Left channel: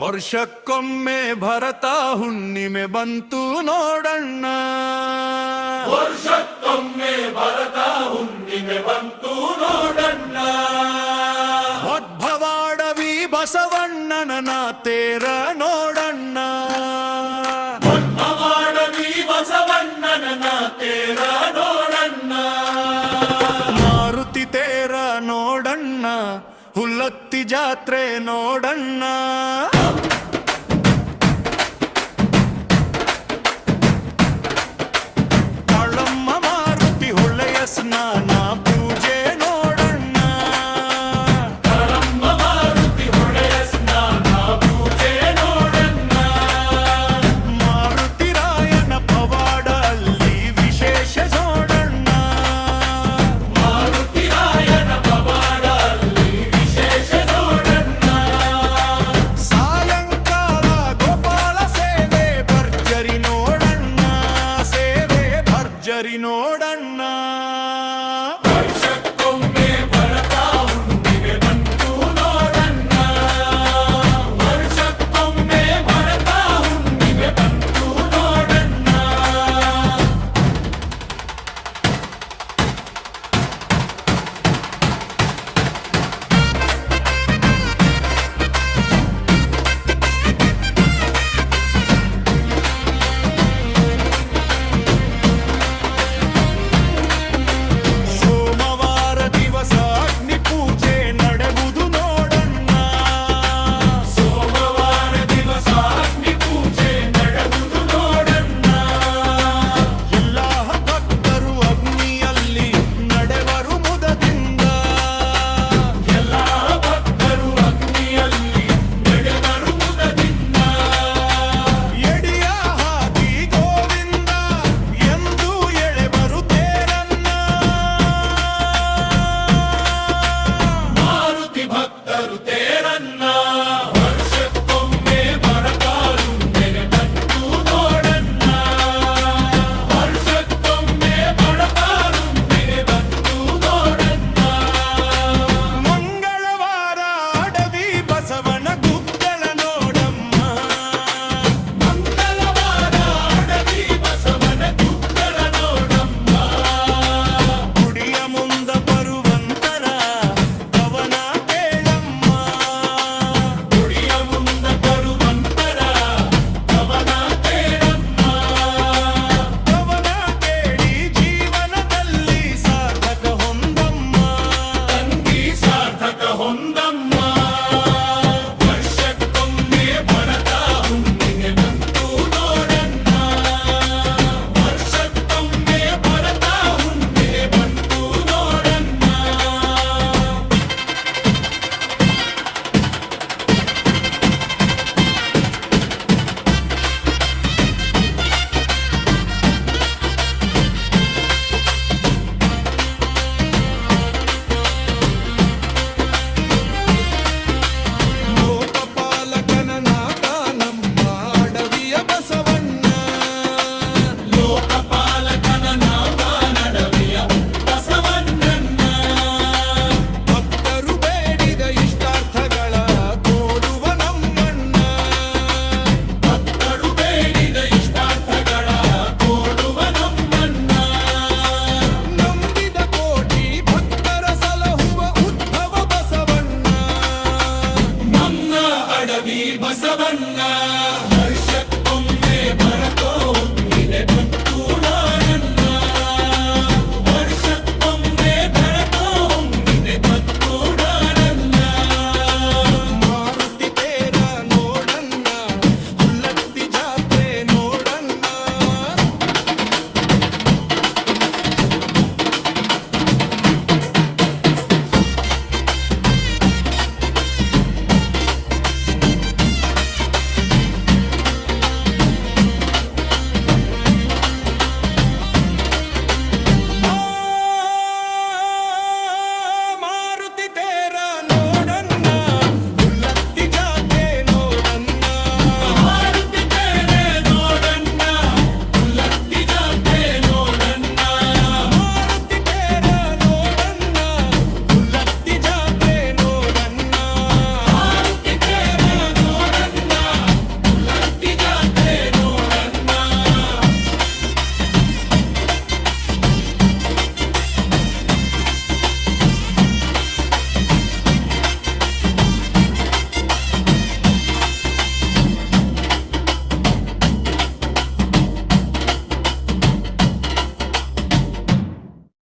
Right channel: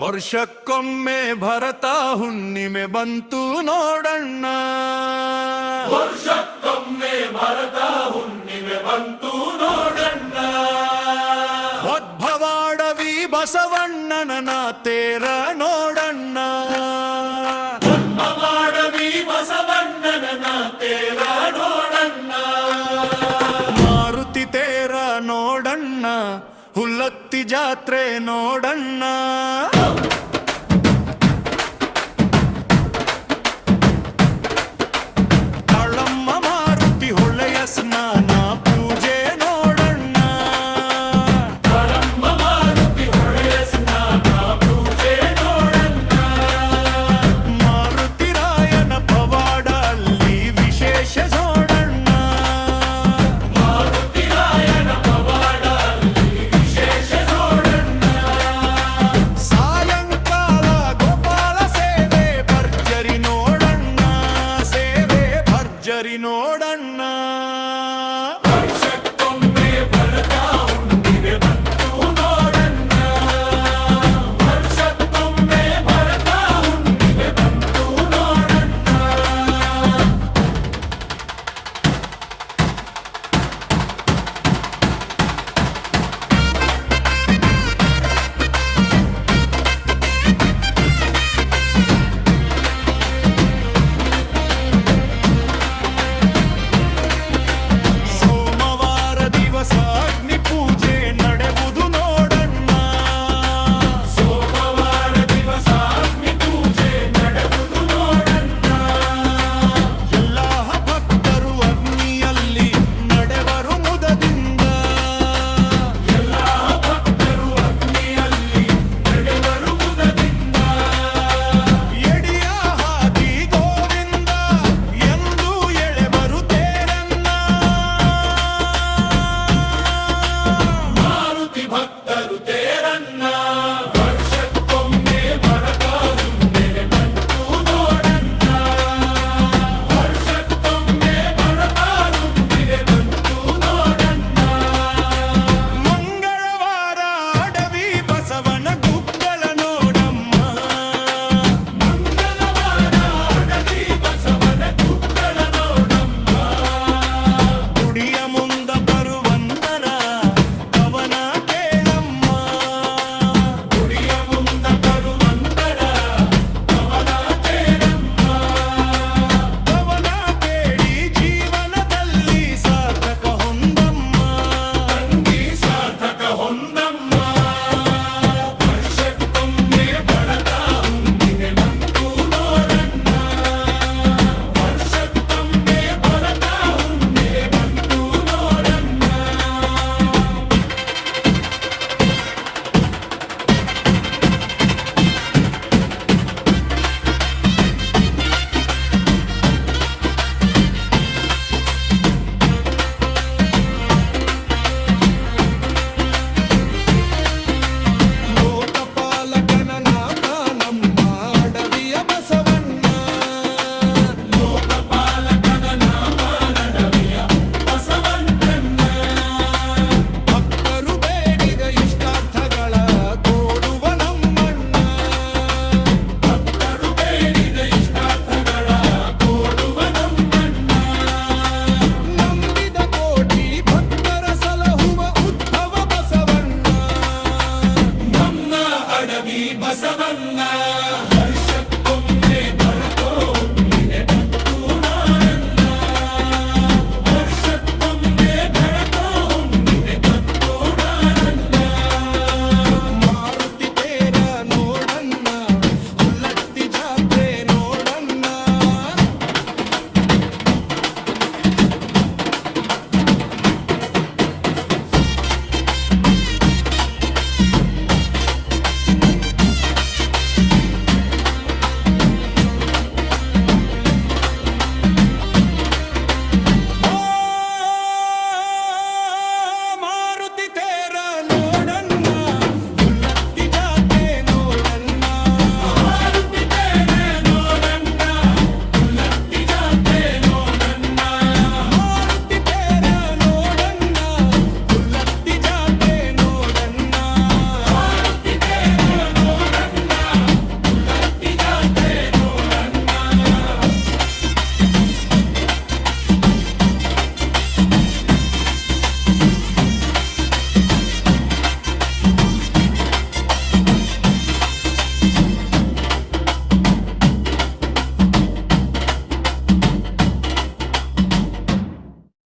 ವರ್ಷಕ್ಕೊಮ್ಮೆ ಭರತ ಹುಣ್ಣಿಮೆ ಬಂತು ನೋಡಣ್ಣ. ವರ್ಷಕ್ಕೊಮ್ಮೆ ಭರತ ಹುಣ್ಣಿಮೆ ಬಂತು ನೋಡಣ್ಣ. ಉದ್ಭವಾಡವಿ ಬಸವಣ್ಣನ ತೇರ ನೋಡಣ್ಣ. ಉದ್ಭವಾಡವಿ ಬಸವಣ್ಣನ ತೇರ ನೋಡಣ್ಣ. ಮಾರುತಿ ತೇರ ನೋಡಣ್ಣ, ಹುಲ್ಲತ್ತಿ ಜಾತ್ರೆ ನೋಡಣ್ಣ. ಕಾಳಮ್ಮ ಮಾರುತಿ ಹೊಳೆಯ ಸ್ನಾನ ಪೂಜೆ ನೋಡಣ್ಣ. ಕಾಳಮ್ಮ ಮಾರುತಿ ಹೊಳೆಯ ಸ್ನಾನ ಪೂಜೆ ನೋಡಣ್ಣ. ಮಾರುತಿ ರಾಯನ ಪವಾಡ ಅಲ್ಲಿ ವಿಶೇಷ ನೋಡಣ್ಣ. ಮಾರುತಿ ರಾಯನ ಪವಾಡ ಅಲ್ಲಿ ವಿಶೇಷ ನೋಡಣ್ಣ. ಸಾಯಂಕಾಲ ಗೋಪಾಲ ಸೇವೆ ಭರ್ಜರಿ ನೋಡಣ್ಣ, ಸೇವೆ ಭರ್ಜರಿ ನೋಡಣ್ಣ. ವರ್ಷಕ್ಕೊಮ್ಮೆ ಭರತ ಹುಣ್ಣಿಮೆ ಬಂತು ನೋಡಣ್ಣ. ವರ್ಷಕ್ಕೊಮ್ಮೆ ಭರತ ಹುಣ್ಣಿಮೆ ಬಂತು ನೋಡಣ್ಣ. ಸೋಮವಾರ ದಿವಸ ಅಗ್ನಿ ಪೂಜೆ ನಡೆವುದು ನೋಡಣ್ಣ. ಸೋಮವಾರ ದಿವಸ ಅಗ್ನಿ ಪೂಜೆ ನಡೆವುದು ನೋಡಣ್ಣ. ಎಲ್ಲ ಭಕ್ತರು ಅಗ್ನಿಯಲ್ಲಿ ನಡೆವರು ಮುದದಿಂದ. ಎಲ್ಲ ಭಕ್ತರು ಅಗ್ನಿಯಲ್ಲಿ ನಡೆವರು ಮುದದಿಂದ. ಎಡಿಯ ಹಾದಿ ಗೋವಿಂದ ಎಂದು ಎಳೆಬರು ತೇರನ್ನ. ಮಾರುತಿ ಭಕ್ತರು ತೇರನ್ನ. ವರ್ಷಕ್ಕೊಮ್ಮೆ ಭರತ ಹುಣ್ಣಿಮೆ ಬಂತು ನೋಡಣ್ಣ. ವರ್ಷಕ್ಕೊಮ್ಮೆ ಭರತ ಹುಣ್ಣಿಮೆ ಬಂತು ನೋಡಣ್ಣ. ಮಂಗಳವಾರ ಅಡವಿ ಬಸವನ ಗುಗ್ಗಳ ನೋಡಮ್ಮ. ಮಂಗಳವಾರ ಅಡವಿ ಬಸವನ ಗುಗ್ಗಳ ನೋಡಮ್ಮ. ಗುಡಿಯ ಮುಂದ ಬರುವಂತರ ಕವನ ಕೇಳಮ್ಮ. ಗುಡಿಯ ಮುಂದ ಬರುವಂತರ ಕವನ ಕೇಳಮ್ಮ. ಕವನ ಕೇಳಿ ಜೀವನದಲ್ಲಿ ಸಾರ್ಥಕ ಹೊಂದಮ್ಮ. ತಂಗಿ ಸಾರ್ಥಕ ಹೊಂದಮ್ಮ. ವರ್ಷಕ್ಕೊಮ್ಮೆ ಭರತ ಹುಣ್ಣಿಮೆ ಬಂತು ನೋಡಣ್ಣ. ವರ್ಷಕ್ಕೊಮ್ಮೆ ಭರತ ಹುಣ್ಣಿಮೆ ಬಂತು ನೋಡಣ್ಣ. ಲೋಕಪಾಲಕನ ನಾಟ ನಮ್ಮ ಅಡವಿಯ ಬಸವಣ್ಣ. ಲೋಕಪಾಲಕನ ನಾಮ ನಡವಿಯ ಬಸವಣ್ಣನ. ಭಕ್ತರು ಬೇಡಿದ ಇಷ್ಟಾರ್ಥಗಳ ಕೊಡುವ ನಮ್ಮಣ್ಣ. ಭಕ್ತರು ಬೇಡಿದ ಇಷ್ಟಾರ್ಥಗಳ ಕೊಡುವ ನಮ್ಮಣ್ಣ. ನಂಬಿದ ಕೋಟಿ ಭಕ್ತರ ಸಲಹುವ ಉದ್ಭವ ಬಸವಣ್ಣ. ನಮ್ಮ ಅಡವಿ ಬಸವಣ್ಣ.